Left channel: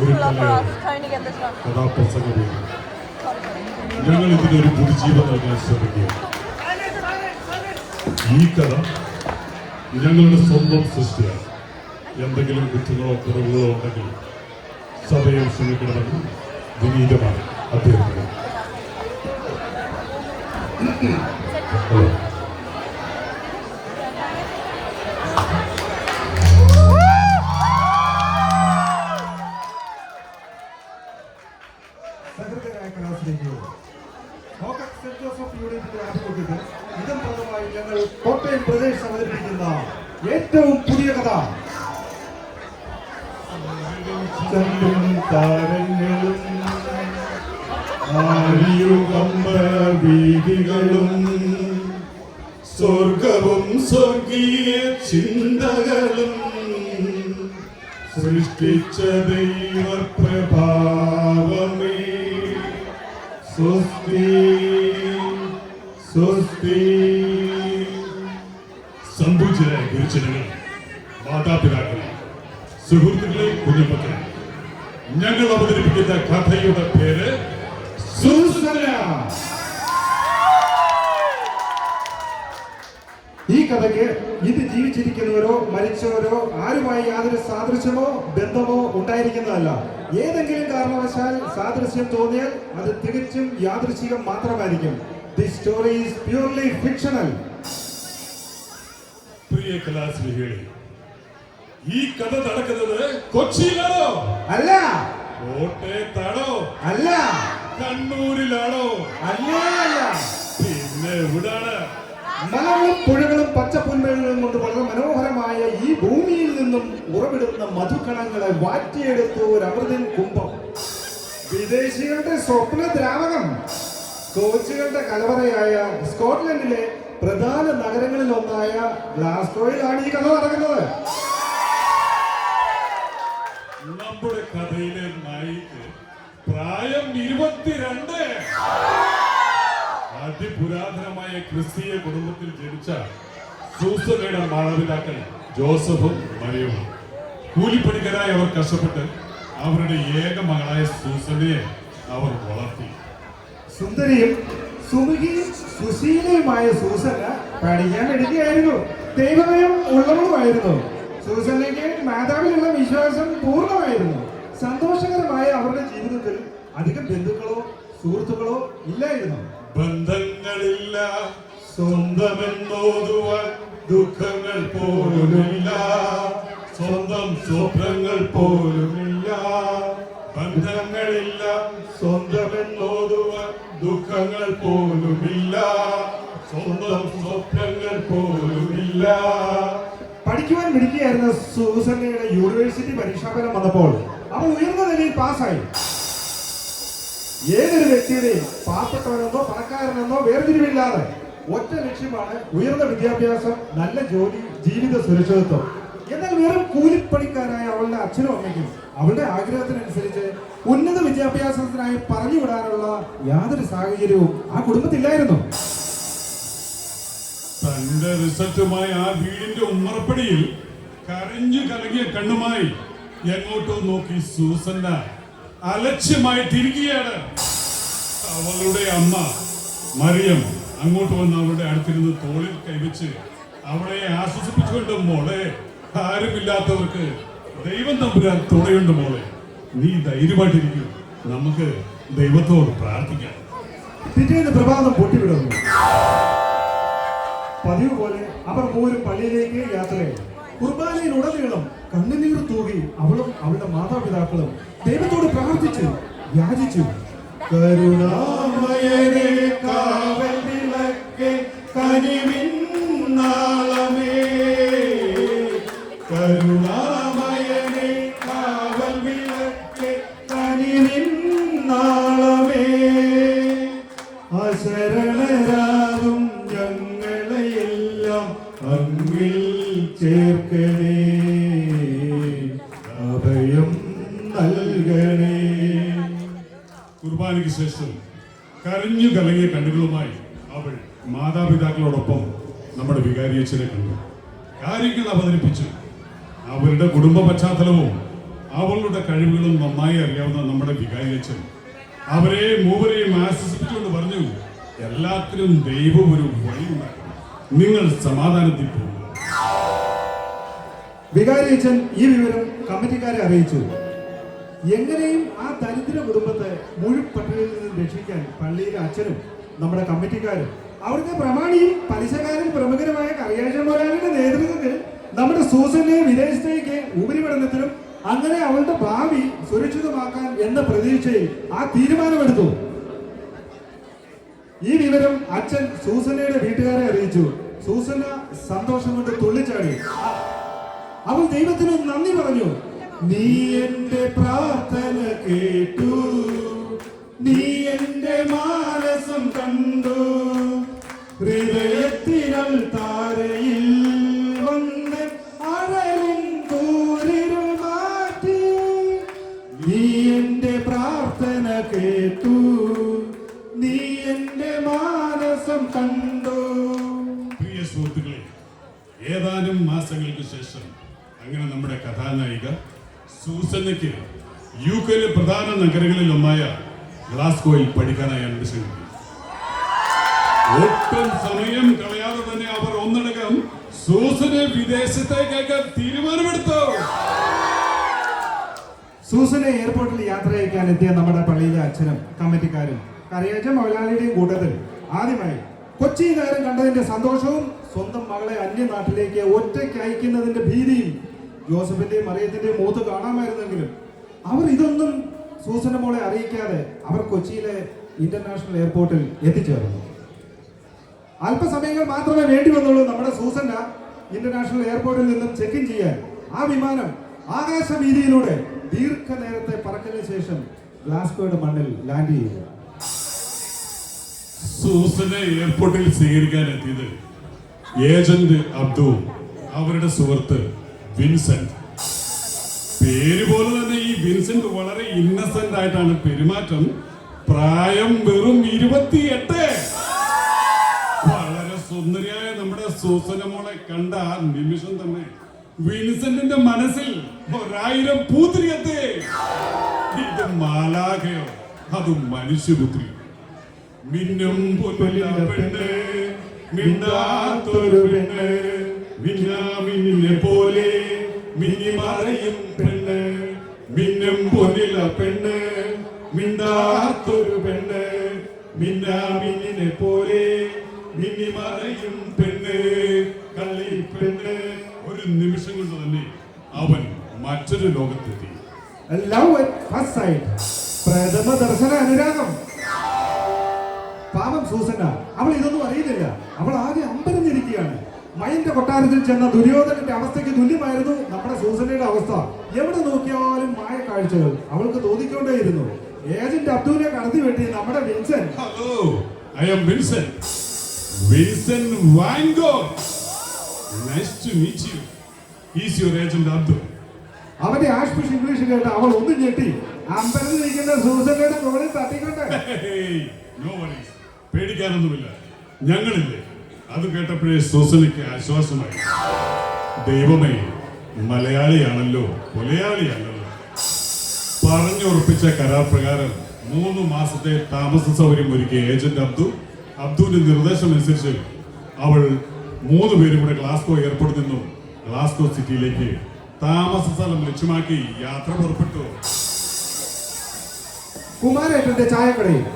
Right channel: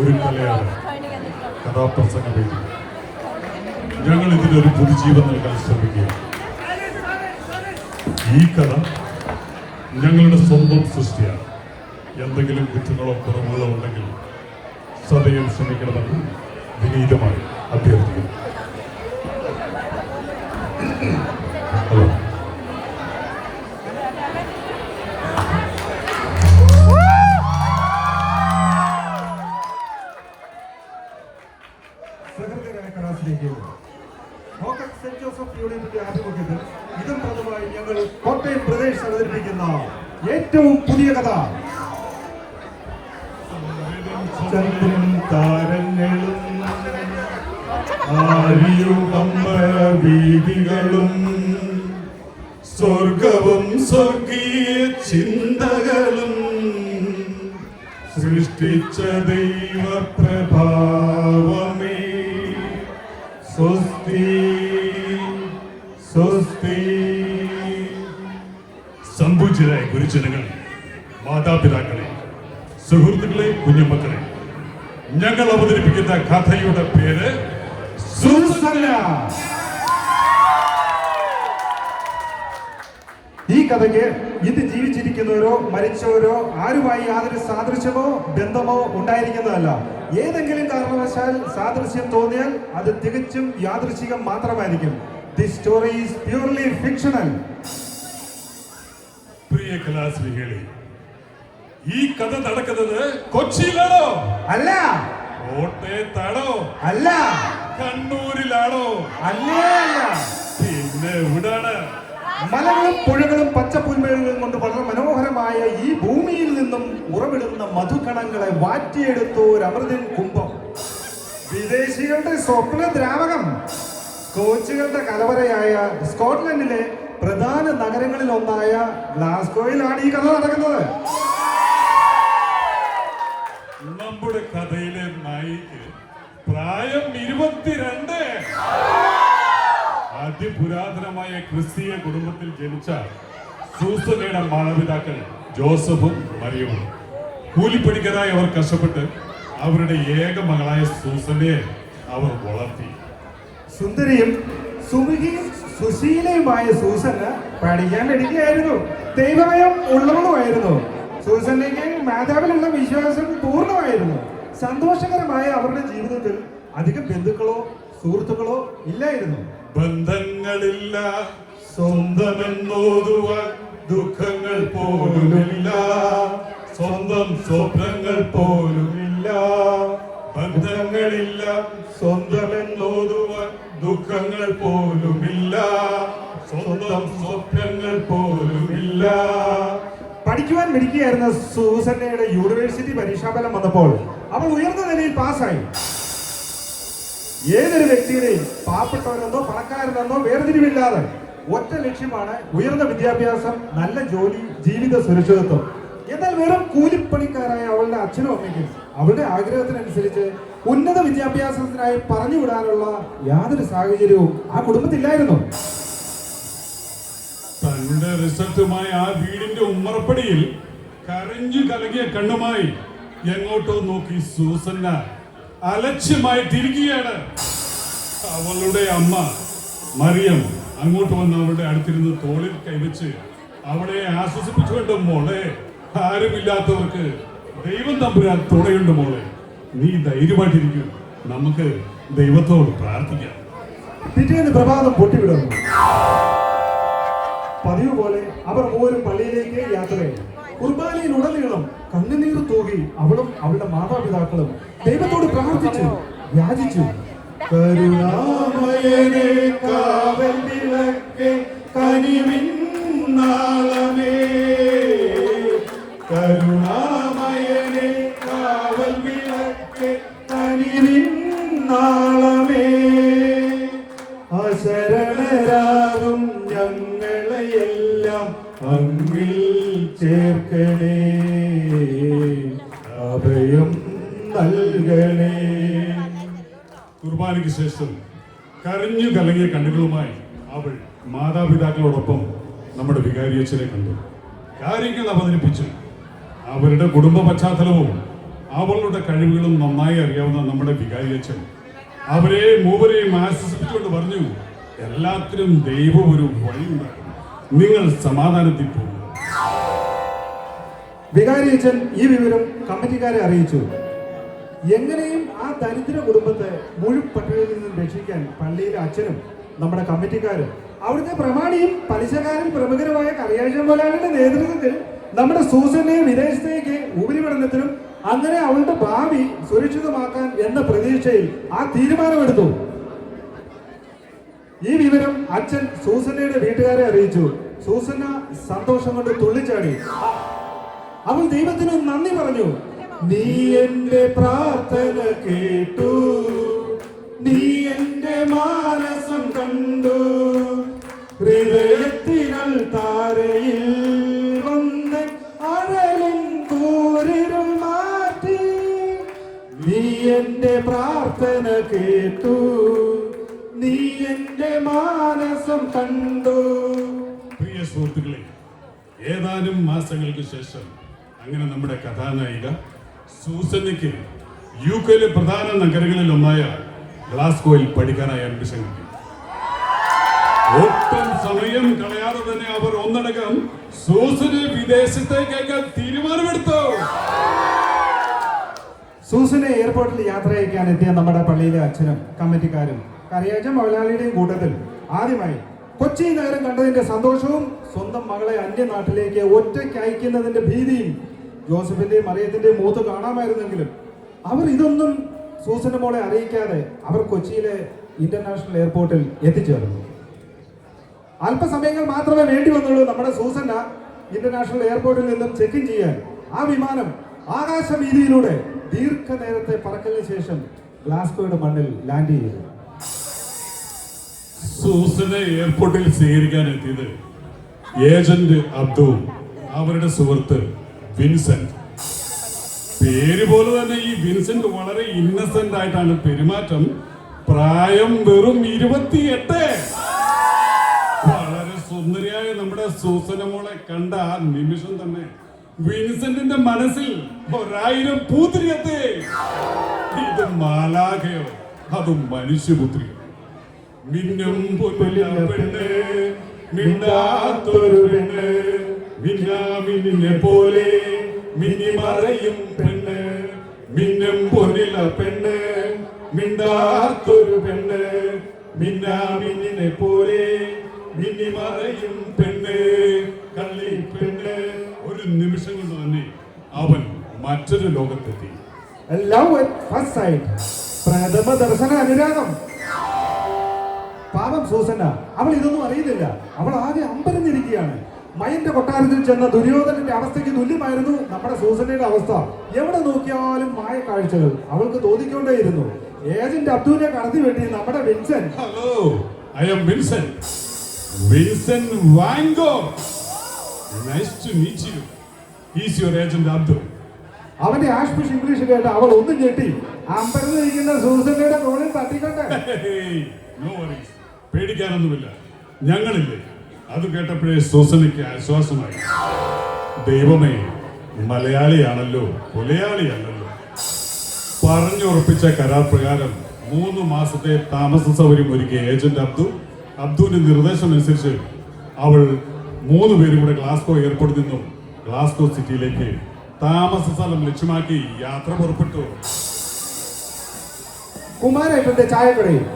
ഒരു കലയാണ് കഥാപ്രസംഗ വേദി. ഞങ്ങൾ ഇതിനൊരു പുതുജീവൻ നൽകാൻ ശ്രമിക്കുകയാണ്. ഈ കഥ ഞങ്ങളുടെ സ്വന്തം സൃഷ്ടിയാണ്. എന്തെങ്കിലും കുറ്റങ്ങളോ കുറവുകളോ ഉണ്ടെങ്കിൽ സദയം ക്ഷമിക്കണമെന്ന് വിനീതമായി അഭ്യർത്ഥിക്കുന്നു. സഹൃദയരായ കലാസ്നേഹികളെ, സെന്റ് ജോസഫ് യൂണിയന്റെ ആഭിമുഖ്യത്തിൽ ഇതും പതിവായി ഞങ്ങൾ കോട്ടയം പ്രദേശ് അവതരിപ്പിക്കുന്ന ഏറ്റവും പുതിയ കഥ ചന്ദ്രനും താരങ്ങളും വീതികളും സ്വർഗവും സ്വർഗീയ ചിന്തകളും സൃഷ്ടിച്ച ദൈവപ്രഭാവമേ സ്വസ്തി സ്വസ്തി. സമ്പൂജ്യരായ ഗുരുജനങ്ങൾ, മാതാപിതാക്കളെ, സുഹൃത്തുക്കളെ, കുഞ്ഞുമക്കളെ, ഞങ്ങൾ അവതരിപ്പിക്കുന്ന കഥയുടെ പേര് സൂസന്ന. ഈ കഥയ്ക്ക് ഇന്ന് ജീവിച്ചിരിക്കുന്നവരോ മരിച്ചവരോ ആരുമായി യാതൊരു സാദൃശ്യമോ ബന്ധമോ ഉണ്ടായിരിക്കുന്നതല്ല. ഏതെങ്കിലും കാരണവശാൽ സാദൃശ്യം തോന്നിയാൽ അത് തികച്ചും യാദൃശ്ചികം മാത്രമായിരിക്കും. This story is purely fictional. പ്രിയ കലാസ്നേഹികളെ, ഈ കഥ നടക്കുന്നത് കൊച്ചിയിലാണോ? അല്ല. കോട്ടയത്താണോ? അല്ല. കണ്ണൂരിലാണോ? അല്ലേ അല്ല. പിന്നെ എവിടാണ്? മലകളും പുഴകളും പച്ചപ്പുൽമേടുകളും കൊണ്ട് വളരെ മനോഹരമായ ഈ ഭൂമിയിൽ നിന്നും ഉറവിടുന്ന മധുകണങ്ങളെ വാറ്റിയെടുത്ത ഒരു അമൃതൻ കുംഭം, വിദേശികളുടെ സ്വപ്ന ദ്രാവകം, കോച്ചുകളുടെ കലവറയായ സ്കോട്ട്ലൻഡിലെ പ്രധാന നഗരങ്ങളിൽ ഒന്നായ ഗ്ലാസ്ഗോയിലാണ് ഈ കഥ നടക്കുന്നത്. നമ്മുടെ കഥയിലെ നായിക്ക് പ്രായം 22. അതിപുരാതനമായ ക്രിസ്തീയ കുടുംബത്തിൽ ജനിച്ച സൂസന്നയുടെ മാതാപിതാക്കൾ ജോസഫും മറിയവും. കൂലിപ്പണിക്കാരായി അവർ കഷ്ടപ്പെട്ട് അവരുടെ ഏക മകളായ സൂസന്നയെ അവർ വളർത്തി. സുന്ദരിയും സുമുഖിയും സുശീലയുമായ സൂസന്ന പഠിക്കാൻ ഇരിക്കുകയായിരുന്നു. ദൈവഭയം ഉള്ളവളുമായിരുന്നു. സൂസന്നയ്ക്ക് മാതാവിലുള്ള വിശ്വാസം പൂർണ്ണമായിരുന്നു. സന്തോഷകരമായ അവരുടെ ജീവിതത്തിൽ അധികം ബന്ധുക്കളോ സുഹൃത്തുക്കളോ ഇല്ലായിരുന്നു. ബന്ധങ്ങളില്ല, സ്വന്തമെന്നോതുവാൻ ദുഃഖങ്ങൾ പോലുമില്ല, സ്വന്തം സ്വപ്നങ്ങൾ പോലുമില്ല. ബന്ധങ്ങളില്ല, സ്വന്തമെന്നോതുവാൻ ദുഃഖങ്ങൾ പോലുമില്ല, സ്വന്തം സ്വപ്നങ്ങൾ പോലുമില്ല. പഠിക്കുവാൻ മിടുക്കിയായിരുന്ന സൂസന്നയുടെ യൂണിവേഴ്സിറ്റി പരീക്ഷാഫലം വന്നപ്പോൾ അവൾ ഉയർന്ന നിലയിൽ പാസ്സായി. ഏതൊരു വ്യക്തിയുടെയും പാവപ്പെട്ടവനെന്നോ പണക്കാരനെന്നോ വേർതിരിവില്ലാതെ ഒറ്റ ലക്ഷ്യമാണ് ഉയർന്ന വിദ്യാഭ്യാസം, നല്ല ജോലി, ജീവിത സുരക്ഷിതത്വം. എന്നാൽ വെറും കൂലിപ്പണിക്കാരായ അവളുടെ അച്ഛനും അമ്മയ്ക്കും അവളുടെ ആഗ്രഹത്തിനനുസരിച്ച് ഉന്നത വിദ്യാഭ്യാസത്തിനായി പറഞ്ഞു വിടാനുള്ള യാതൊരു സാഹചര്യവും ആ കുടുംബത്തില്ലായിരുന്നു. തന്റെ റിസൾട്ടുമായി ആ വീടിന്റെ ഉമ്മറപ്പടിയിൽ കരഞ്ഞു കലങ്ങിയ കണ്ണുമായി എങ്ങോട്ടോ നോക്കി സൂസന്ന അലക്ഷ്യമായി തിരികെയാണ്. അവളുടെ അമ്മ മറിയം അങ്ങോട്ട് വന്ന് അവളുടെ അടുത്തിരുന്ന് തോളിൽ കൈവച്ച് അവളെ ആശ്വസിപ്പിച്ചുകൊണ്ട്, മോളെ, ആരുമില്ലാത്തവർക്ക് ദൈവം തമ്പുരാൻ തുണയുണ്ട് മോളെ, നീ ധൈര്യമായിട്ടിരിക്കും, നമുക്ക് ദൈവത്തോട് പ്രാർത്ഥിക്കാം. പിറ്റേന്ന് പ്രഭാതം പൊട്ടിവിടുന്നു. പതിവ് പോലെ അവർ മൂവരും പള്ളിയിലേക്ക് യാത്രയായി. കുർബാനയിലുടനീളം കണ്ണുനീർ തൂകി അവളും അവളുടെ മാതാപിതാക്കളും ദൈവത്തോട് പ്രാർത്ഥിച്ചു, യാചിച്ചു. കരുണാമയനേ കാവൽ വിളക്കേ കനിവിന്നാളമേ, കരുണാമയനേ കാവൽ വിളക്കേ കനിവിന്നാളമേ, അശരണരാകും ഞങ്ങളെയെല്ലാം അങ്ങിൽ ചേർക്കണേ, അഭയം നൽകണേ. കുർബാനയ്ക്ക് ശേഷം കരഞ്ഞു കലങ്ങിയ കണ്ണുകളുമായി അവൾ മാതാപിതാക്കളോടൊപ്പം നമ്മുടെ വികാരിയച്ഛനെ കണ്ടു. കാര്യങ്ങൾ അവതരിപ്പിച്ചു. അവരുടെ കുടുംബ പശ്ചാത്തലവും അവളുടെ കഴിവുകളും നന്നായി അറിയാവുന്ന നമ്മുടെ വികാരി അച്ഛൻ അവരെ മൂവരെയും ആശ്വസിപ്പിച്ചുകൊണ്ട് പറഞ്ഞു, എല്ലാത്തിനും ദൈവം ഒരു വഴിയുണ്ടാക്കും, നിങ്ങൾ സമാധാനത്തിൽ പോകുക. വികാരി അച്ഛൻ ഈ വിവരം കമ്മിറ്റിക്കാരെ അറിയിച്ചു. എങ്ങനെയും ആ ദരിദ്ര കുടുംബത്തെ മുഴുപട്ടണത്തിൽ നിന്നും രക്ഷിക്കാൻ പള്ളിയിലെ അച്ഛനും നമ്മുടെ കമ്മിറ്റിക്കാരും അവിടുത്തെ പ്രമാണിയും പലിശക്കാരും പ്രമുഖരുമായ കറിയാഴ്ച മുതലാളിയുടെ നേതൃത്വത്തിൽ നമ്മുടെ സൂസനെ വിദേശത്തേക്ക് ഉപരിപഠനത്തിനും അങ്ങനെ അവളുടെ ഭാവി സുരക്ഷിതമാക്കാൻ എന്ന പ്രതീക്ഷയിൽ ആ തീരുമാനമെടുത്തു. ഈ വിവരം അച്ഛൻ സൂസന്നയുടെ വീട്ടുകാരെ അറിയിച്ചു. സൂസന്ന സന്തോഷം കൊണ്ട് തുള്ളിച്ചാടി. അവൾ ദൈവത്തിന് നന്ദി പറഞ്ഞു. നീ എന്റെ പ്രാർത്ഥന കേട്ടു, നീ എന്റെ മാനസം കണ്ടു, ഹൃദയത്തിരൽ താരയിൽ വന്ന് അഴലും കൂരിരുൾ മാറ്റി. നീ എന്റെ പ്രാർത്ഥന കേട്ടു, നീ എന്റെ മാനസം കണ്ടു. പ്രിയ സുഹൃത്തുക്കളെ, ഏതാനും മാസങ്ങൾക്ക് ശേഷം അങ്ങനെ നമ്മുടെ കഥാനായിക സൂസന്നയ്ക്ക് യുകെയിലെ പ്രധാന നഗരങ്ങളിൽ ഒന്നായ ഗ്ലാസ്ഗോയിൽ പഠിക്കാനായി അഡ്മിഷൻ കിട്ടി. ഒട്ടും സമയം കളയാതെ തന്നെ അവർ ഒന്നടങ്കം സൂസനെ വിദേശത്തേക്ക് തീരുമാനമെടുത്തു. സൂസനെ എയർപോർട്ടിൽ യാത്ര അയക്കാൻ എത്തിയ നമ്മുടെ പള്ളിയിലെ അച്ഛനും കമ്മിറ്റിക്കാരും കറിയാച്ച മുതലാളിയുടെയും കൂട്ടത്തിൽ ആദ്യമായി കൊച്ചി നഗരം കണ്ടതിന്റെ സന്തോഷവും സ്വന്തം മകളെ അന്യനാട്ടിലേക്ക് ഒറ്റയ്ക്ക് അയക്കുന്നതിന്റെ ഭീതിയും ജോസഫിന്റെയും മറിയത്തിന്റെയും മൂത്ത് കാണാമായിരുന്നെങ്കിലും അവർ ഇതൊന്നും സൂസന മോളെ അറിയിക്കാതെ അവർ കൊച്ചിയിലെ ഇന്റർനാഷണൽ എയർപോർട്ടിൽ എത്തിച്ചേർന്നു. അല്പസമയങ്ങൾ മാത്രമേ വേണ്ടി വന്നുള്ളൂ നമ്മുടെ സൂസന ഇന്റർനാഷണൽ എയർപോർട്ടിൽ നിന്നും ചെക്ക് ഇൻ ചെയ്യാൻ. ആ വിമാനം ആകാശവീതിയിലൂടെ ദീർഘനേരത്തെ പറക്കലിന് ശേഷം ഗ്ലാസ്ഗോയുടെ മണ്ണിൽ ലാൻഡ് ചെയ്തു. സൂസനെ എയർപോർട്ടിൽ സ്വീകരിക്കാൻ എത്തിയത് ഏജന്റ് അബ്ദുവും അവരുടെ സുഹൃത്ത് വിൻസെന്റ്. പേര് പോലെ തന്നെ ഈ വിൻസെന്റ് വളരെ ഇന്നസെന്റ് ആയിട്ടാണ് പെരുമാറ്റം. പ്രായം വെറും 28. വളരെ സുന്ദരിയായ നമ്മുടെ സൂസന മോളെ കണ്ട ആ നിമിഷം തന്നെ വിൻസെന്റിന്റെ മനസ്സിൽ 1000 പൂത്തിരിയത്തെ. ഇത് മാലാഖയോ അതും മനുഷ്യപുത്രി. മിന്നും പെണ്ണ്, മിണ്ടാത്തൊരു പെണ്ണ്, മിന്നാമിന്നിനെ പോലെ മിന്നി മറയും പെണ്ണ്, മിന്നും പൊന്നില പെണ്ണ്, മിണ്ടാത്തൊരു പെണ്ണ്, മിന്നാമിന്നിനെ പോലെ മിന്നി മറയും പെണ്ണ്, കള്ളി പെണ്ണ്. ഒരു നിമിഷം കൊണ്ട് തന്നെ അവൻ മറ്റൊരു ലോകത്തെത്തി. ലവ് അറ്റ് ഫസ്റ്റ് സൈറ്റ്, പ്രഥമ ദർശന അനുരാഗം. പാവം സൂസന്ന, അവൾ ഇതൊന്നും അറിയുന്നില്ല. അവൾ ആകെ അമ്പരന്നിരിക്കുകയാണ്. മയന്റെ കൊട്ടാരത്തിൽ ചെന്ന ദുര്യോധനന്റെ അവസ്ഥയ്ക്ക് തുല്യമായിരുന്നു നമ്മുടെ സൂസന്നയുടെ അവസ്ഥ. എവിടെ നോക്കിയാലും മായ കാഴ്ചകൾ അവൾക്ക് തോന്നിക്കൊണ്ടേയിരുന്നു. ഏജന്റ് അബ്ദുവിനെ കടത്തി വെട്ടി നമ്മുടെ Vincent. Hello, I am Vincent. Vincent van Gogh. Nice to meet you. He's your agent Abdul. അവന്റെ ആഷ്പിഷ് ഇംഗ്ലീഷ് കേട്ട് അവൾ ഒന്നും ഞെട്ടി അമ്പരന്നിരിക്കുന്ന സൂസന്നയുടെ മുകളിൽ തട്ടിക്കൊണ്ട്. നോ വറീസ്, പേടിക്കാനൊന്നുമില്ല, ഞങ്ങളില്ലേ. അത് കേട്ടപ്പോഴേ സൂസനയ്ക്ക് ആശ്വാസമായി. ദൈവമേ, മലയാളിയാണല്ലോ, കൊലയാളിയാണല്ലോ. പറഞ്ഞുറപ്പിച്ച കരാർ പ്രകാരം 3 മാസത്തെ താമസ സൗകര്യം ഒരുക്കിയ ഏജന്റ് അബ്ദുവിന്റെ നിർദ്ദേശം അനുസരിച്ച് അവൾ 3 പേരും കൂടെ ഗ്ലാസ്ഗോ എയർപോർട്ടിൽ നിന്നും ഗ്ലാസ്ഗോ സിറ്റിയിലേക്ക് താമസ സ്ഥലം ലക്ഷ്യമാക്കി യാത്ര പുറപ്പെട്ടു. കുമാരേട്ടന്റെ ചായക്കടയും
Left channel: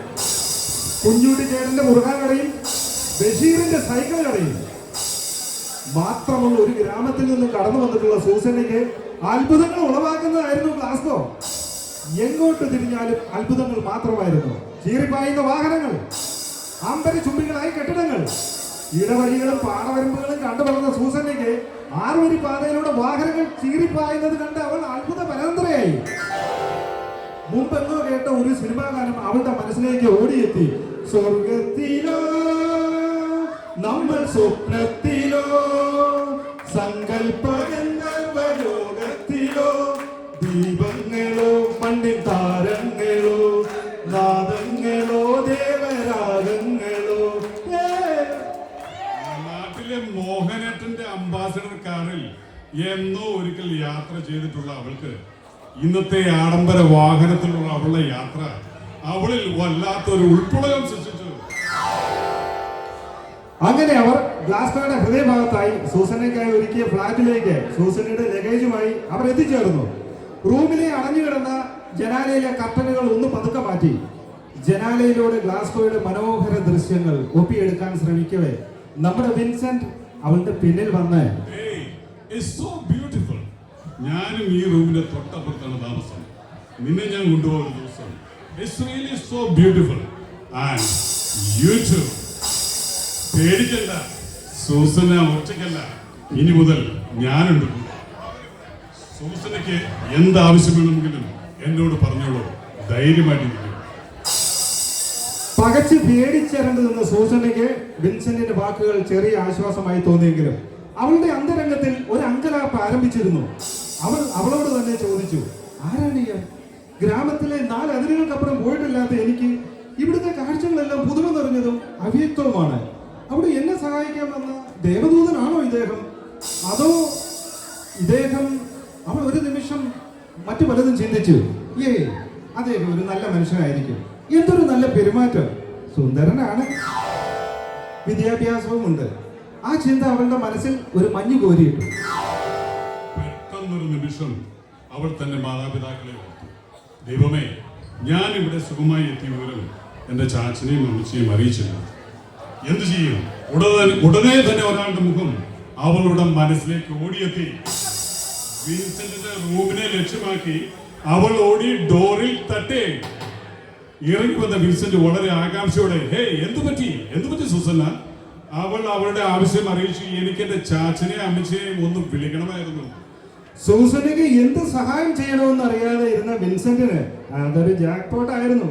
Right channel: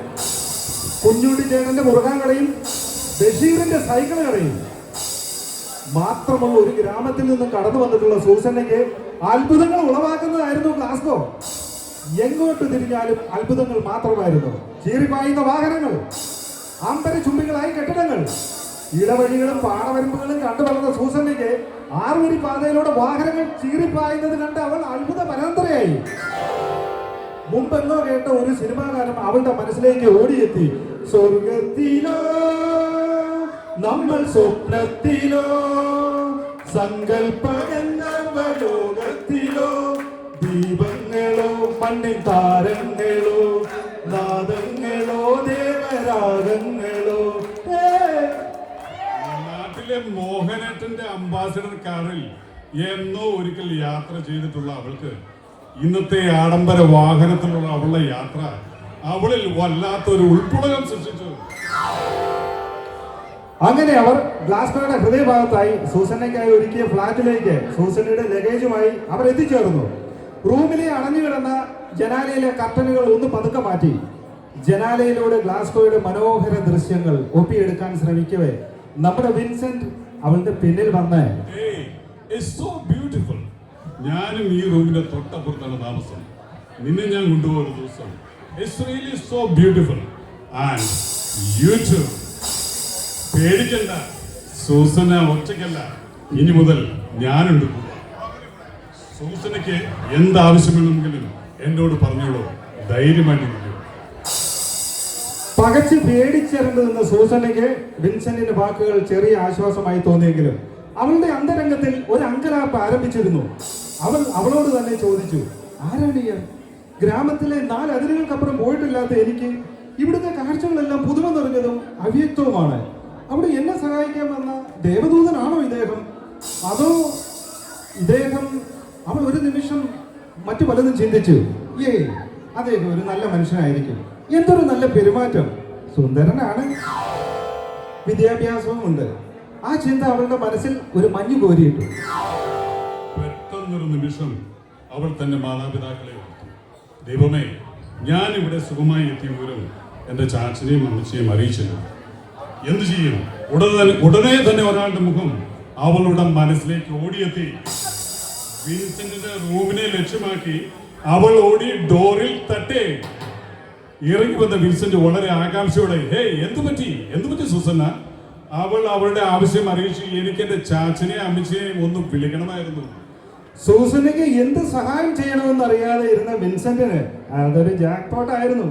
കുഞ്ഞുട്ടി ചേട്ടന്റെ മുറുകാൻ കടയും ബഷീറിന്റെ സൈക്കിൾ കടയും മാത്രമുള്ള ഒരു ഗ്രാമത്തിൽ നിന്നും കടന്നു വന്നിട്ടുള്ള സൂസന്നയ്ക്ക് അത്ഭുതങ്ങൾ ഉളവാക്കുന്നതായിരുന്നു ഗ്ലാസ്ഗോ. എങ്ങോട്ട് തിരിഞ്ഞാലും അത്ഭുതങ്ങൾ മാത്രമായിരുന്നു. ചീറിപ്പായുന്ന വാഹനങ്ങൾ, അമ്പര ചുംബികളായ കെട്ടിടങ്ങൾ, ഇടവഴികളും പാടവരമ്പുകളും കണ്ടുവളർന്ന സൂസന്നയ്ക്ക് 6 വരി പാതയിലൂടെ വാഹനങ്ങൾ ചീറിപ്പായുന്നത് കണ്ട് അവൾ അത്ഭുത പരാന്തരയായി. മുമ്പെന്നോ കേട്ട ഒരു സിനിമാ ഗാനം അവളുടെ മനസ്സിലേക്ക് ഓടിയെത്തി. സ്വർഗത്തിലോ നമ്മൾ സ്വപ്നത്തിലോ സങ്കല്പലോകത്തിലോ ദീപങ്ങളോ മണ്ണിൻ താരങ്ങളോ നാദങ്ങളോ ദേവരാഗങ്ങളോ. നാട്ടിലെ മോഹനേട്ടന്റെ അംബാസഡർ കാറിൽ എന്നോ ഒരിക്കൽ യാത്ര ചെയ്തിട്ടുള്ള അവൾക്ക് ഇന്നത്തെ ആഡംബര വാഹനത്തിലുള്ള അവളുടെ യാത്ര അവളിൽ വല്ലാത്തൊരു ഉൾപ്പെടലം സൃഷ്ടിച്ചു. അങ്ങനെ അവർ ഗ്ലാസ്കോയുടെ ഹൃദയഭാഗത്തായി സൂസന്നയ്ക്കായി ഒരുക്കിയ ഫ്ലാറ്റിലേക്ക് സൂസന്നയുടെ ലഗേജുമായി അവർ എത്തിച്ചേർന്നു. റൂമിലെ അടഞ്ഞുകിടന്ന ജനാലയിലെ കർട്ടനുകൾ ഒന്ന് പതുക്കെ മാറ്റി ജനാലയിലൂടെ ഗ്ലാസ്കോയുടെ മനോഹര ദൃശ്യങ്ങൾ ഒപ്പിയെടുക്കാൻ ശ്രമിക്കവേ നമ്മുടെ വിൻസെന്റ് അവളുടെ പിന്നിൽ വന്ന് Hey, it's so beautiful. ഞാനും ഈ റൂമിന്റെ തൊട്ടപ്പുറത്താണ് താമസം. നിന്നെ ഞാൻ കൊണ്ടുപോകുന്ന ദിവസം It's really so beautiful. And you too. പേടിക്കണ്ട, സൂസന ഒറ്റയ്ക്കല്ല, ഇനി മുതൽ ഞാനുണ്ട്. സൂസനയ്ക്ക് എന്താവശ്യമുണ്ടെങ്കിലും എന്നോട് പറഞ്ഞോളൂ, ധൈര്യമായിട്ട് നിൽക്കൂ. പകച്ച് പേടിച്ചിറങ്ങി നിന്ന സൂസനയ്ക്ക് വിൻസെന്റിന്റെ വാക്കുകൾ ചെറിയ ആശ്വാസമായി തോന്നിയെങ്കിലും അവളുടെ അന്തരംഗത്തിൽ ഒരു അങ്കലാപ്പ് ആരംഭിച്ചിരുന്നു. അവളോട് തന്നെ ചോദിച്ചു, ആരാണ് ഇയാൾ? ഗ്രാമത്തിലെ 4 അതിരുകൾക്കപ്പുറം പോയിട്ടില്ലാത്ത എനിക്ക് ഇവിടുത്തെ കാഴ്ചകളെല്ലാം പുതുമ നിറഞ്ഞതും അവ്യക്തവുമാണ്. അവിടെ എന്നെ സഹായിക്കാൻ വന്ന ദേവദൂതനാണോ ഇദ്ദേഹം? അതോ ഇദ്ദേഹം? അവൾ ഒരു നിമിഷം മറ്റു പലതും ചിന്തിച്ചു. അദ്ദേഹം ഒരു നല്ല മനുഷ്യനായിരിക്കും. എന്തൊരു നല്ല പെരുമാറ്റം, സുന്ദരനാണ്, വിദ്യാഭ്യാസവും ഉണ്ട്. ആ ചിന്ത അവളുടെ മനസ്സിൽ ഒരു മഞ്ഞു കോരിയിട്ടു. പെട്ടെന്നൊരു നിമിഷം അവൾ തന്റെ മാതാപിതാക്കളെ ഓർത്തു. ദൈവമേ, ഞാൻ ഇവിടെ സുഖമായി എത്തിയ വിവരം എന്റെ ചാച്ചനെയും അമ്മച്ചയും അറിയിച്ചിരുന്നു. എന്തു ചെയ്യും? ഉടനെ തന്നെ ഒരാളുടെ മുഖം അവളുടെ മനസ്സിലേക്ക് ഓടിയെത്തി. വിൻസെന്റിന്റെ റൂമിനെ ലക്ഷ്യമാക്കി അവൾ ഓടി ഡോറിൽ തട്ടേ. ഇറങ്ങി വന്ന വിൻസെന്റ് വളരെ ആകാംക്ഷയോടെ, എന്തു പറ്റി സൂസന്ന? അവൾ അവളുടെ ആവശ്യം അറിയിച്ചു. എനിക്ക് എന്റെ ചാച്ചനെയും അമ്മച്ചനെയും ഒന്ന് വിളിക്കണമായിരുന്നു. സൂസനയ്ക്ക് എന്ത് സഹായം ചെയ്യണമെന്ന് അറിയാതെ ഇരുന്ന വിൻസെന്റിന് അതൊരു ജാക്ക്പോട്ട് ആയിരുന്നു.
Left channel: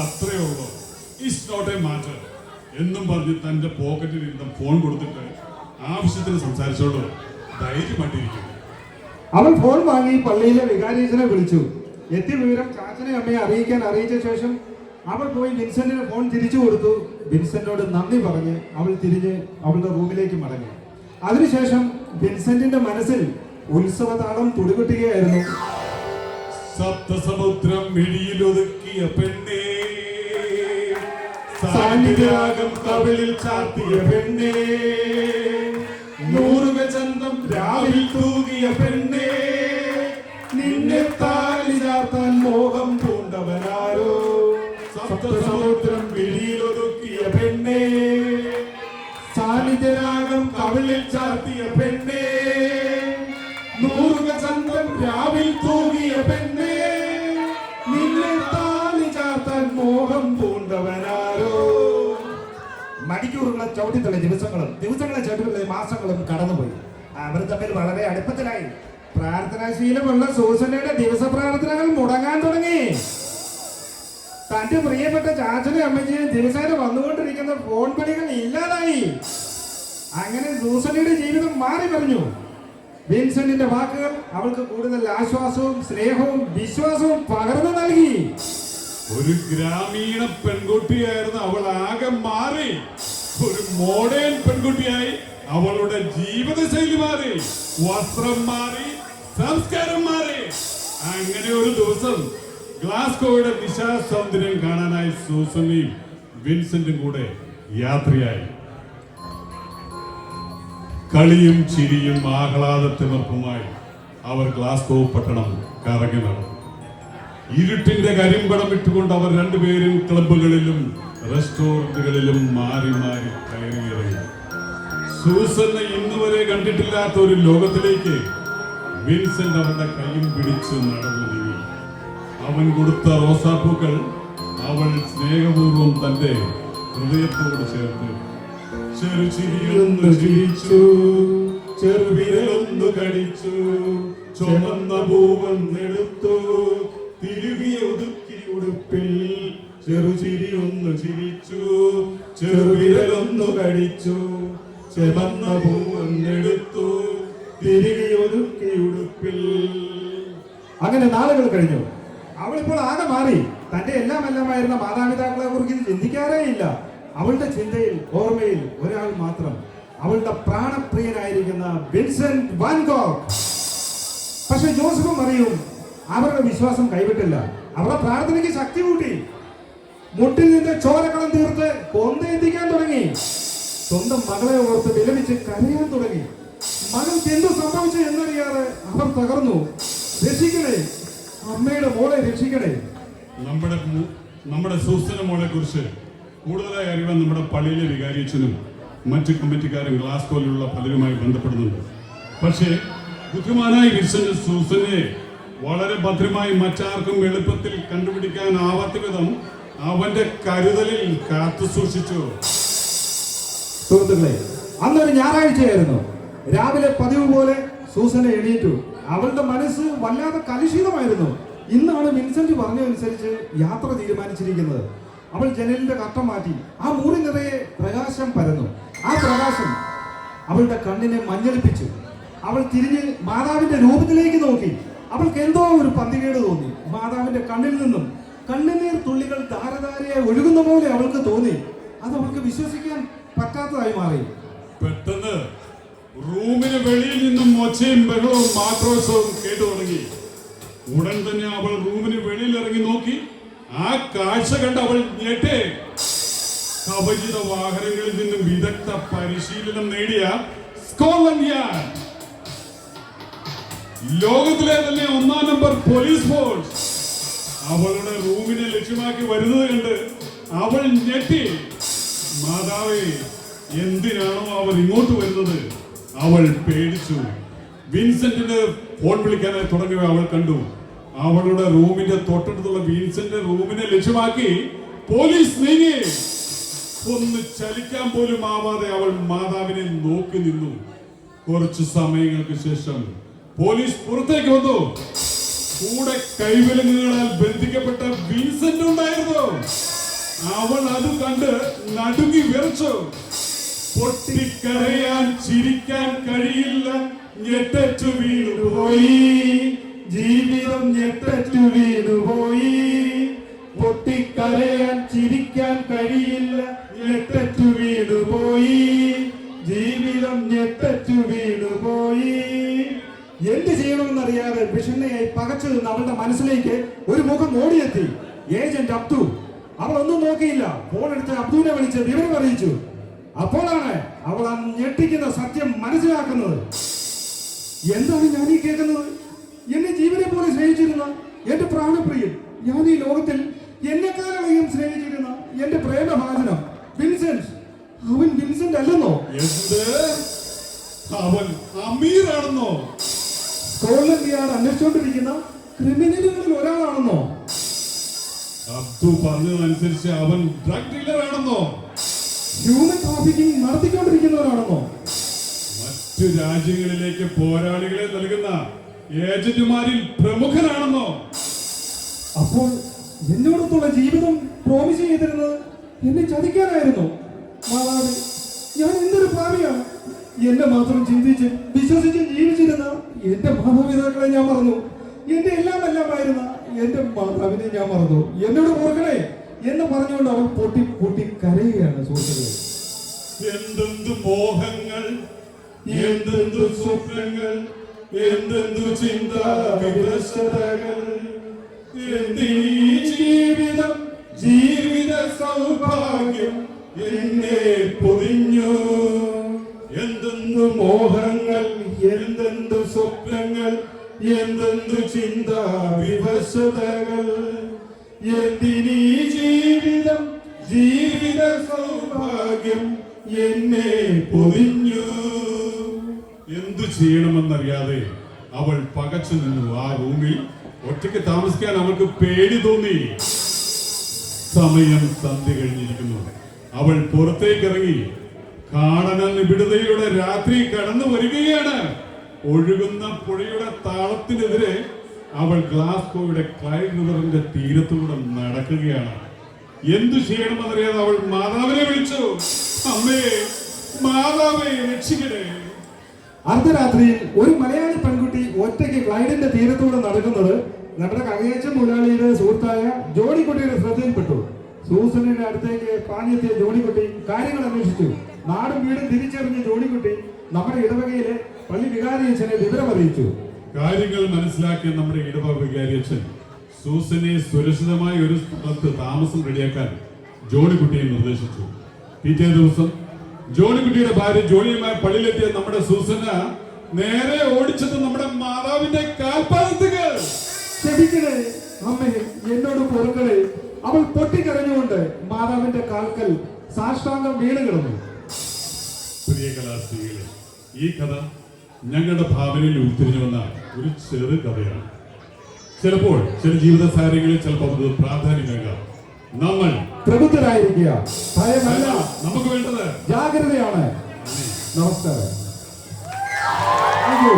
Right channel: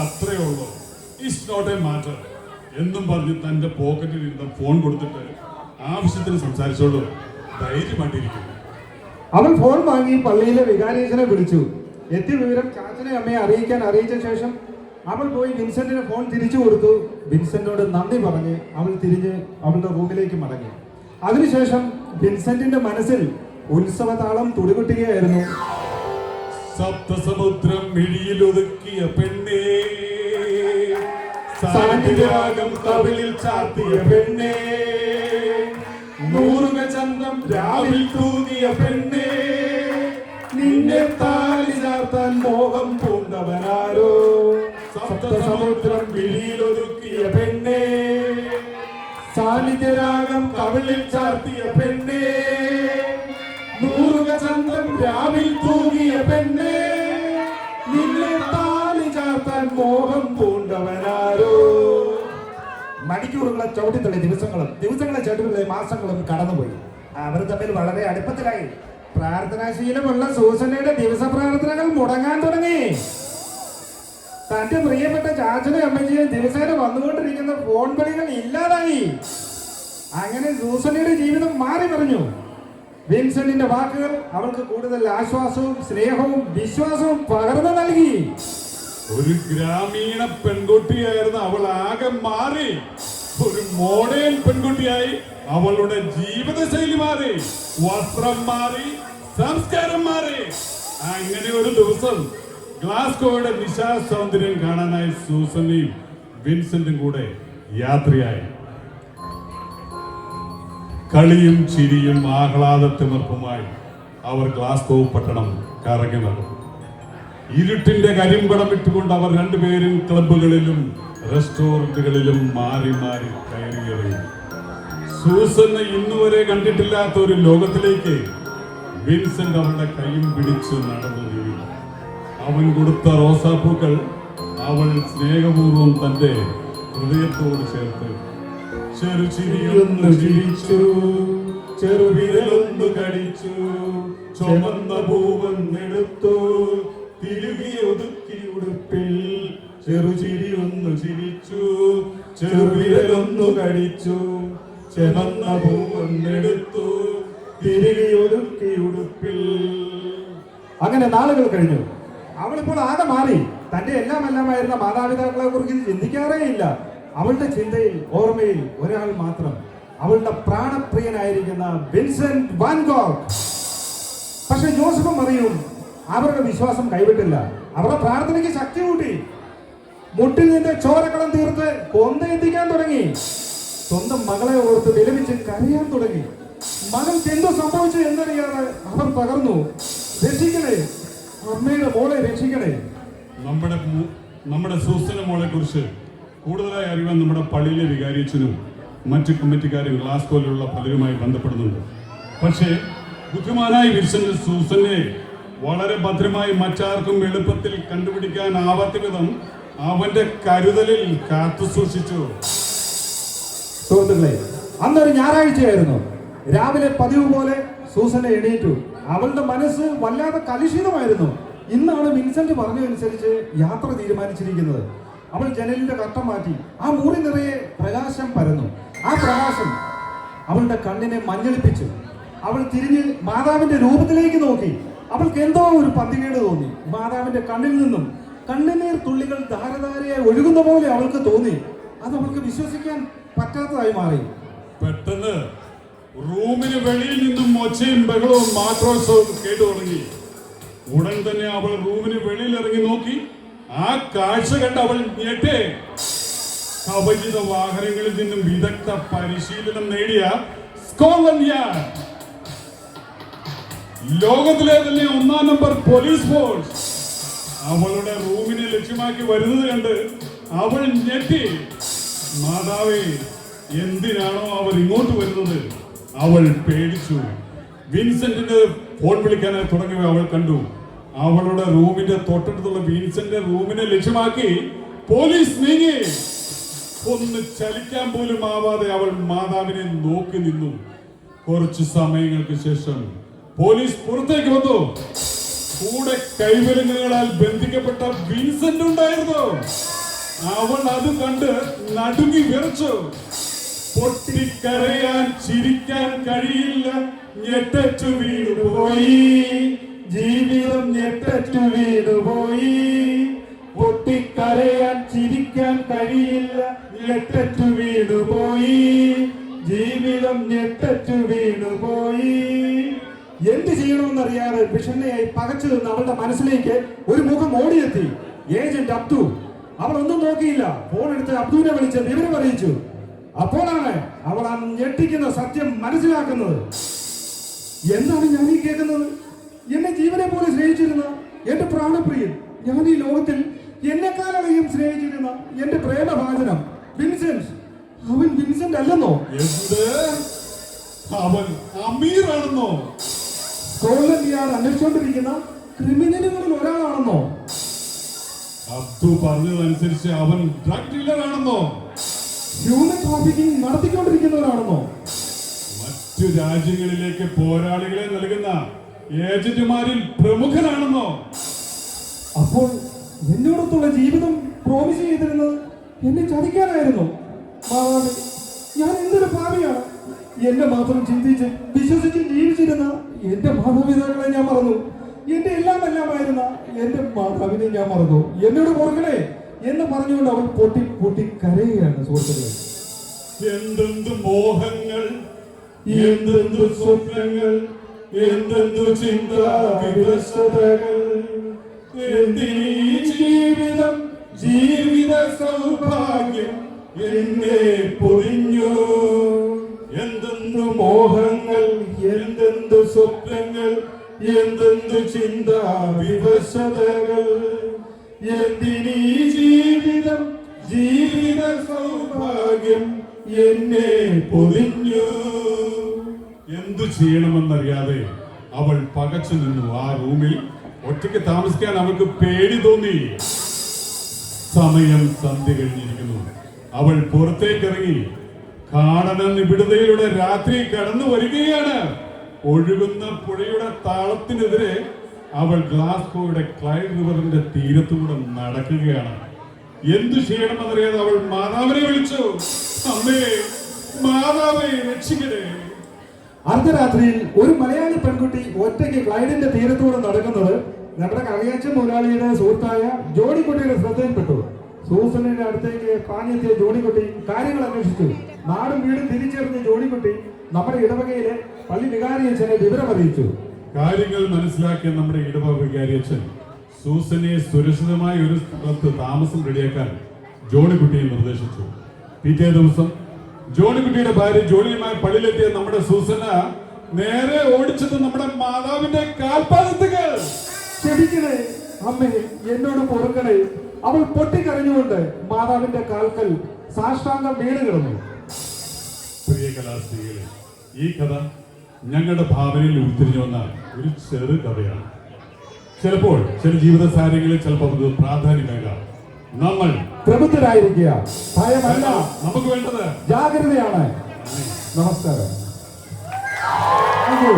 അത്രേ ഉള്ളൂ. ഇറ്റ്സ് നോട്ട് എ മാറ്റർ എന്നും പറഞ്ഞ് തന്റെ പോക്കറ്റിൽ ഇരുന്ന ഫോൺ കൊടുത്തിട്ട് ആവശ്യത്തിന് സംസാരിച്ചോളൂ, ധൈര്യമായിട്ടിരിക്കും. അവൻ ഫോൺ വാങ്ങി പള്ളിയിലെ വികാരിയച്ഛനെ വിളിച്ചു. എത്തിയ വിവരം ചാച്ചനെ അമ്മയെ അറിയിച്ച ശേഷം അവൾ പോയി വിൻസെന്റിന് ഫോൺ തിരിച്ചു കൊടുത്തു. വിൻസെന്റിനോട് നന്ദി പറഞ്ഞ് അവൾ തിരിഞ്ഞ് അവളുടെ റൂമിലേക്ക് മടങ്ങി. അതിനുശേഷം വിൻസെന്റിന്റെ മനസ്സിൽ ഉത്സവതാളം തുടികൊട്ടുകയായിരുന്നു. സപ്തസമുദ്രം മിഴിയിലൊതുക്കിയ പെണ്ണേ, സാന്നിധ്യരാഗം കവിളിൽ ചാർത്തിയ പെണ്ണേ, 100 ചന്തം രാവിൽ തൂകിയ പെണ്ണേ, നിന്നെ താലി ചാർത്താൻ മോഹം പൂണ്ടവനാരോ, സപ്തസമുദ്രം മിഴിയിലൊതുക്കിയ പെണ്ണേ, സാന്നിധ്യരാഗം കവിളിൽ ചാർത്തിയ പെണ്ണേ, 100 ചന്തം രാവിൽ തൂകിയ പെണ്ണേ, നിന്നെ താലി ചാർത്താൻ മോഹം പൂണ്ടവനാരോ. മണിക്കൂറുകളെ ചവിട്ടിത്തള്ളി ദിവസങ്ങളെ ചവിട്ടുകളെ മാസങ്ങളും കടന്നുപോയി. അവർ തമ്മിൽ വളരെ അടുപ്പത്തിലായി. പ്രാർത്ഥനാശീലമുള്ള സൂസനയുടെ ദിവസ പ്രാർത്ഥനകൾ മുടങ്ങാൻ തുടങ്ങി. തന്റെ പ്രിയപ്പെട്ട ചാച്ചനും അമ്മച്ചിയും ദിവസേന വന്നുകൊണ്ടിരിക്കുന്ന ഫോൺ വിളികൾ ഇല്ലാതായി. അങ്ങനെ സൂസനയുടെ ജീവിതം മാറി പറഞ്ഞു. വിൻസെന്റിന്റെ വാക്കുകൾ അവൾക്ക് കൂടുതൽ ആശ്വാസവും സ്നേഹവും വിശ്വാസവും പകർന്നു നൽകി. ഒരു ഗ്രാമീണ പെൺകുട്ടിയായിരുന്ന അവൾ ആകെ മാറി. ഒരു മോഡേൺ പെൺകുട്ടിയായി. അവളുടെ ജീവിതശൈലി മാറി, വസ്ത്രം മാറി, സംസ്കാരം മാറി. അങ്ങനെ ഒരു ദിവസം ഗ്ലാസ്കോയുടെ വിശാല സൗന്ദര്യം കാണാനായി സൂസനയും വിൻസെന്റും കൂടെ യാത്രയായി. കളിയും ചിരിയും ആഹ്ലാദത്തിമർപ്പുമായി അവർ ഗ്ലാസ്കോ പട്ടണം കറങ്ങി നടന്നു. ഇരുട്ടിന്റെ കരിമ്പടം ഇട്ടുകൊണ്ട് അവർ രണ്ടുപേരും ക്ലബുകളിലും റെസ്റ്റോറന്റുകളിലും മാറി മാറി കയറിയിറങ്ങി. സൂസന്ന ഇന്നുവരെ കണ്ടിട്ടില്ലാത്ത ഒരു ലോകത്തിലേക്ക് വിൻസെന്റ് അവന്റെ കൈയും പിടിച്ച് നടന്നു നീങ്ങി. അവൻ കൊടുത്ത റോസാപ്പൂക്കൾ അവൾ സ്നേഹപൂർവ്വം തന്റെ ഹൃദയത്തോട് ചേർത്ത് ചെറുചിരിയൊന്ന് ചിരിച്ചു, ചെറുവിരലൊന്ന് കടിച്ചു, ചുമന്ന പൂവെടുത്തു, തിരുകി ഒതുക്കി ഉടുപ്പിൽ. ചെറുചിരിയൊന്ന് ചിരിച്ചു, ചെറുവിരലൊന്നു കടിച്ചു, ചുമന്ന പൂവെടുത്തു, തിരുകി ഒതുക്കി ഉടുപ്പിൽ. അങ്ങനെ നാളുകൾ കഴിഞ്ഞു. അവളിപ്പോൾ ആകെ മാറി. തന്റെ എല്ലാമായിരുന്ന മാതാപിതാക്കളെ കുറിച്ച് ചിന്തിക്കാറേ ഇല്ല. അവളുടെ ചിന്തയിൽ ഓർമ്മയിൽ ഒരാൾ മാത്രം, അവളുടെ പ്രാണപ്രിയനായിരിക്കുന്ന വിൻസെന്റ് വാൻ ഗോഗ്. പക്ഷെ ജോസഫും മറിയും അവരുടെ വിശ്വാസം കൈവിട്ടില്ല. അവരുടെ പ്രാർത്ഥനയ്ക്ക് ശക്തി കൂട്ടി. മുട്ടിൽ നിന്ന് ചോരക്കളം തീർത്ത് കൊന്തയെത്തിക്കാൻ തുടങ്ങി. സ്വന്തം മകളെ ഓർത്ത് വിലപിച്ച് കരയാൻ തുടങ്ങി. മകൻ എന്തു സംഭവിച്ചു എന്നറിയാതെ അവർ തകർന്നു. രക്ഷിക്കണേ, അമ്മയുടെ മോളെ രക്ഷിക്കണേ. നമ്മുടെ സൂസന മോളെ കുറിച്ച് കൂടുതലായി അറിയാൻ നമ്മുടെ പള്ളിയിലെ വികാരിയച്ഛനും മറ്റ് കമ്മിറ്റിക്കാരും ഗ്ലാസ്കോയിലുള്ള പലരുമായി ബന്ധപ്പെടുന്നുണ്ട്. പക്ഷേ ബുദ്ധിമാനായ വിൻസെന്റ് സൂസനെ വളരെ ഭദ്രമായി മറ്റാർക്കും എളുപ്പത്തിൽ കണ്ടുപിടിക്കാനാവാത്ത വിധം അവന്റെ കരുതലിൽ കാത്തു സൂക്ഷിച്ചു. സുഹൃത്തുക്കളെ, അന്നൊരു ഞായറാഴ്ചയായിരുന്നു. രാവിലെ പതിവ് പോലെ സൂസന എണീറ്റു. അവളുടെ മനസ്സ് വല്ലാതെ കലുഷിതമായിരുന്നു. ഇന്നാണ് വിൻസെന്റ് പറഞ്ഞതനുസരിച്ച് യാത്ര തീരുമാനിച്ചിരിക്കുന്നത്. അവൾ ജനലിന്റെ കട്ട മാറ്റി. ആ മുറി നിറയെ പ്രകാശം പരന്നു. ആ പ്രകാശം അവളുടെ കണ്ണിനെ മഞ്ഞളിപ്പിച്ചു. അവൾ തിരിഞ്ഞ് മാതാവിന്റെ രൂപത്തിലേക്ക് നോക്കി. അവൾക്ക് എന്തോ ഒരു പന്തികേട് തോന്നി. മാതാവിന്റെ കണ്ണിൽ നിന്നും കണ്ണുനീർ തുള്ളികൾ ധാരധാരയായി ഒഴുകുന്ന പോലെ അവൾക്ക് തോന്നി. അത് അവൾക്ക് വിശ്വസിക്കാൻ പറ്റാത്തതായി മാറി. പെട്ടെന്ന് റൂമിന് വെളിയിൽ നിന്നും ഒച്ചയും ബഹളവും ആക്രോശവും കേട്ടു തുടങ്ങി. ഉടൻ തന്നെ അവൾ റൂമിന് വെളിയിൽ ഇറങ്ങി നോക്കി. ആ കാഴ്ച കണ്ട് അവൾ ഞെട്ടേ. അപരിചിത വാഹനങ്ങളിൽ നിന്നും വിദഗ്ധ പരിശീലനം നേടിയ സ്കോട്ട്ലൻഡ് യാർഡ്, ലോകത്തിലെ തന്നെ 1-ാം നമ്പർ പോലീസ് ഫോഴ്സ് അവളുടെ റൂമിനെ ലക്ഷ്യമാക്കി വരുന്നത് കണ്ട് അവൾ ഞെട്ടി. മാതാവേ, എന്തിനാണോ അവർ ഇങ്ങോട്ട് വരുന്നത്? അവൾ പേടിച്ചു. വിൻസെന്റിന് ഫോൺ വിളിക്കാനായി തുടങ്ങിയവ അവൾ കണ്ടു. അവളുടെ റൂമിന്റെ തൊട്ടടുത്തുള്ള വിൻസെന്റിന്റെ റൂമിനെ ലക്ഷ്യമാക്കി പോലീസ് നീങ്ങി. ഒന്ന് ചലിക്കാൻ പോലും ആവാതെ അവൾ മാതാവിനെ നോക്കി നിന്നു. കുറച്ചു സമയങ്ങൾക്ക് ശേഷം പോലീസ് പുറത്തേക്ക് വന്നു. കൂടെ കൈവിലങ്ങുകളാൽ ബന്ധിക്കപ്പെട്ട വിൻസെന്റ് ഉണ്ടായിരുന്നു. അവൾ അത് കണ്ട് നടുങ്ങി വിറച്ചു. പൊട്ടിക്കരയാൻ ചിരിക്കാൻ കഴിയില്ല, ഞെട്ടു വീണുപോയി. ജീവിതം ഞെട്ടു വീണുപോയി. പൊട്ടിക്കരയാൻ ചിരിക്കാൻ കഴിയില്ല, ഞെട്ടു വീണുപോയി. ജീവിതം ഞെട്ടു വീണുപോയി. എന്ത് ചെയ്യണമെന്നറിയാതെ വിഷണ്ണയായി പകച്ചു നിന്ന് അവളുടെ മനസ്സിലേക്ക് ഒരു മുഖം ഓടിയെത്തി. ഏജന്റ് അബ്ദു. അവൾ ഒന്നും നോക്കിയില്ല. ഫോൺ എടുത്ത് അബ്ദുവിനെ വിളിച്ച് വിവരം അറിയിച്ചു. അപ്പോഴാണ് അവൾ ആ ഞെട്ടിക്കുന്ന സത്യം മനസ്സിലാക്കുന്നത്. എന്താണ് ഞാൻ ഈ കേൾക്കുന്നത്? എന്നെ ജീവനെ പോലെ സ്നേഹിച്ചിരുന്ന എന്റെ പ്രാണപ്രിയൻ, ഞാൻ ഈ ലോകത്തിൽ എന്നെക്കാലം സ്നേഹിച്ചിരുന്ന എന്റെ പ്രേമഭാജനം വിൻസെന്റ്, അവൻ വിൻസെന്റ് അല്ലെന്നോ? അവൻ അമീറാണെന്നോ? സ്കോട്ട്ലൻഡ് യാർഡ് അന്വേഷിച്ചുകൊണ്ടിരിക്കുന്ന ക്രിമിനലുകളിൽ ഒരാളാണെന്നോ? അബ്ദു പറഞ്ഞതനുസരിച്ച് അവൻ ഡ്രഗ് ഡീലർ ആണെന്നോ? ഹ്യൂമൻ ട്രാഫിക്കിംഗ് നടത്തിക്കൊണ്ടിരിക്കുന്നവരാണെന്നോ? മറ്റു രാജ്യങ്ങളിലേക്ക് പോരാളികളെ നൽകുന്ന ഏജന്റുമാരിൽ പ്രമുഖനാണെന്നോ? അപ്പോൾ എന്നോടൊത്തുള്ള ജീവിതം പ്രോമിസ് ചെയ്തിരുന്നത് എന്നെ ചതിക്കാനായിരുന്നു. മാതാവ്, ഞാൻ എന്തൊരു പാപിയാണ്. എന്നെ മാത്രം ചിന്തിച്ച് വിശ്വസിച്ച് ജീവിച്ചിരുന്ന എന്റെ മാതാപിതാക്കളെ ഞാൻ മറന്നു. എന്റെ എല്ലാമായിരുന്ന എന്റെ മാതാവിനെ ഞാൻ മറന്നു. എന്നോട് ഓർക്കണേ എന്ന് പറഞ്ഞുകൊണ്ട് അവൻ പൊട്ടി പൊട്ടി കരയുകയാണ്. സുഹൃത്തുക്കളെ, എന്തെന്തു മോഹങ്ങൾ, എന്തെന്തു സ്വപ്നങ്ങൾ, എന്തെന്തു ചിന്താവിവശതകൾ, എന്തി ജീവിതം, ജീവിത സൗഭാഗ്യം എന്നെ പൊതിഞ്ഞു. എന്തെന്തു മോഹങ്ങൾ, എന്തെന്തു സ്വപ്നങ്ങൾ, എന്തെന്തു ചിന്താവിവശതകൾ, എന്തിനീ ജീവിതം, ജീവിത സൗഭാഗ്യം എന്നെ പൊതിഞ്ഞു. എന്തു ചെയ്യണമെന്നറിയാതെ അവൾ പകച്ചു നിന്നു. ആ റൂമിൽ ഒറ്റയ്ക്ക് താമസിക്കാൻ അവൾക്ക് പേടി തോന്നി. സമയം സന്ധ്യ കഴിഞ്ഞിരിക്കുന്നു. അവൾ പുറത്തേക്ക് ഇറങ്ങി. കാടന നിബിഡതയുടെ രാത്രി കടന്നു വരികയാണ്. ഒഴുകുന്ന പുഴയുടെ താളത്തിനെതിരെ അവൾ ഗ്ലാസ്കോയുടെ ക്ലൈഡ് റിവറിന്റെ തീരത്തൂടെ നടക്കുകയാണ്. എന്തു ചെയ്യണമെന്നറിയാതെ അവൾ മാതാവിനെ വിളിച്ചു. അമ്മേ, മാതാവേ, രക്ഷിക്കണേ. അർദ്ധരാത്രിയിൽ ഒരു മലയാളി പെൺകുട്ടി ഒറ്റയ്ക്ക് ക്ലൈഡിന്റെ തീരത്തൂടെ നടക്കുന്നത് നമ്മുടെ കറിയാച്ച മുതലാളിയുടെ സുഹൃത്തായ ജോണിക്കുട്ടിയുടെ ശ്രദ്ധയിൽപ്പെട്ടു. സൂസനയുടെ അടുത്തേക്ക് പാഞ്ഞെത്തിയ ജോണിക്കുട്ടി കാര്യങ്ങൾ അന്വേഷിച്ചു. നാടും വീടും തിരിച്ചറിഞ്ഞ ജോണിക്കുട്ടി നമ്മുടെ ഇടവകയിലെ പള്ളി വികാരിയച്ഛനെ വിവരം അറിയിച്ചു. കാര്യങ്ങൾ മനസ്സിലാക്കിയ നമ്മുടെ ഇടവ വികാരി അച്ഛൻ സൂസനെ സുരക്ഷിതമായ ഒരു സ്ഥലത്ത് താമസം റെഡിയാക്കാൻ ജോണിക്കുട്ടിയെ നിർദ്ദേശിച്ചു. പിറ്റേ ദിവസം ജോണിക്കുട്ടിയുടെ ഭാര്യ ജോണിയുമായി പള്ളിയിലെത്തിയ നമ്മുടെ സൂസന നേരെ ഓടിച്ചത് നമ്മുടെ മാതാവിന്റെ കാൽപാദത്തുകൾ. ക്ഷമിക്കണേ അമ്മേ, എന്നോട് പൊറുക്കണേ. അവൾ പൊട്ടിക്കരഞ്ഞുകൊണ്ട് മാതാവിന്റെ കാൽക്കൽ സാഷ്ടാംഗം വീണ് കിടന്നു. പ്രിയ കലാസ്ത്രീകളെ, ഈ കഥ ഞങ്ങളുടെ ഭാവനയിൽ ഉരുത്തിരിഞ്ഞു വന്ന ഒരു ചെറു കഥയാണ്. ചിലപ്പോൾ ചില ജീവിത സാഹചര്യങ്ങളിൽ ചിലപ്പോൾ അത് പ്രാധാന്യമേകാം. നമ്മൾ പ്രബുദ്ധരായിരിക്കുക, ഭയമല്ല നമുക്ക് വേണ്ടത് ജാഗ്രതയാണ്. നമസ്കാരം. Thank you.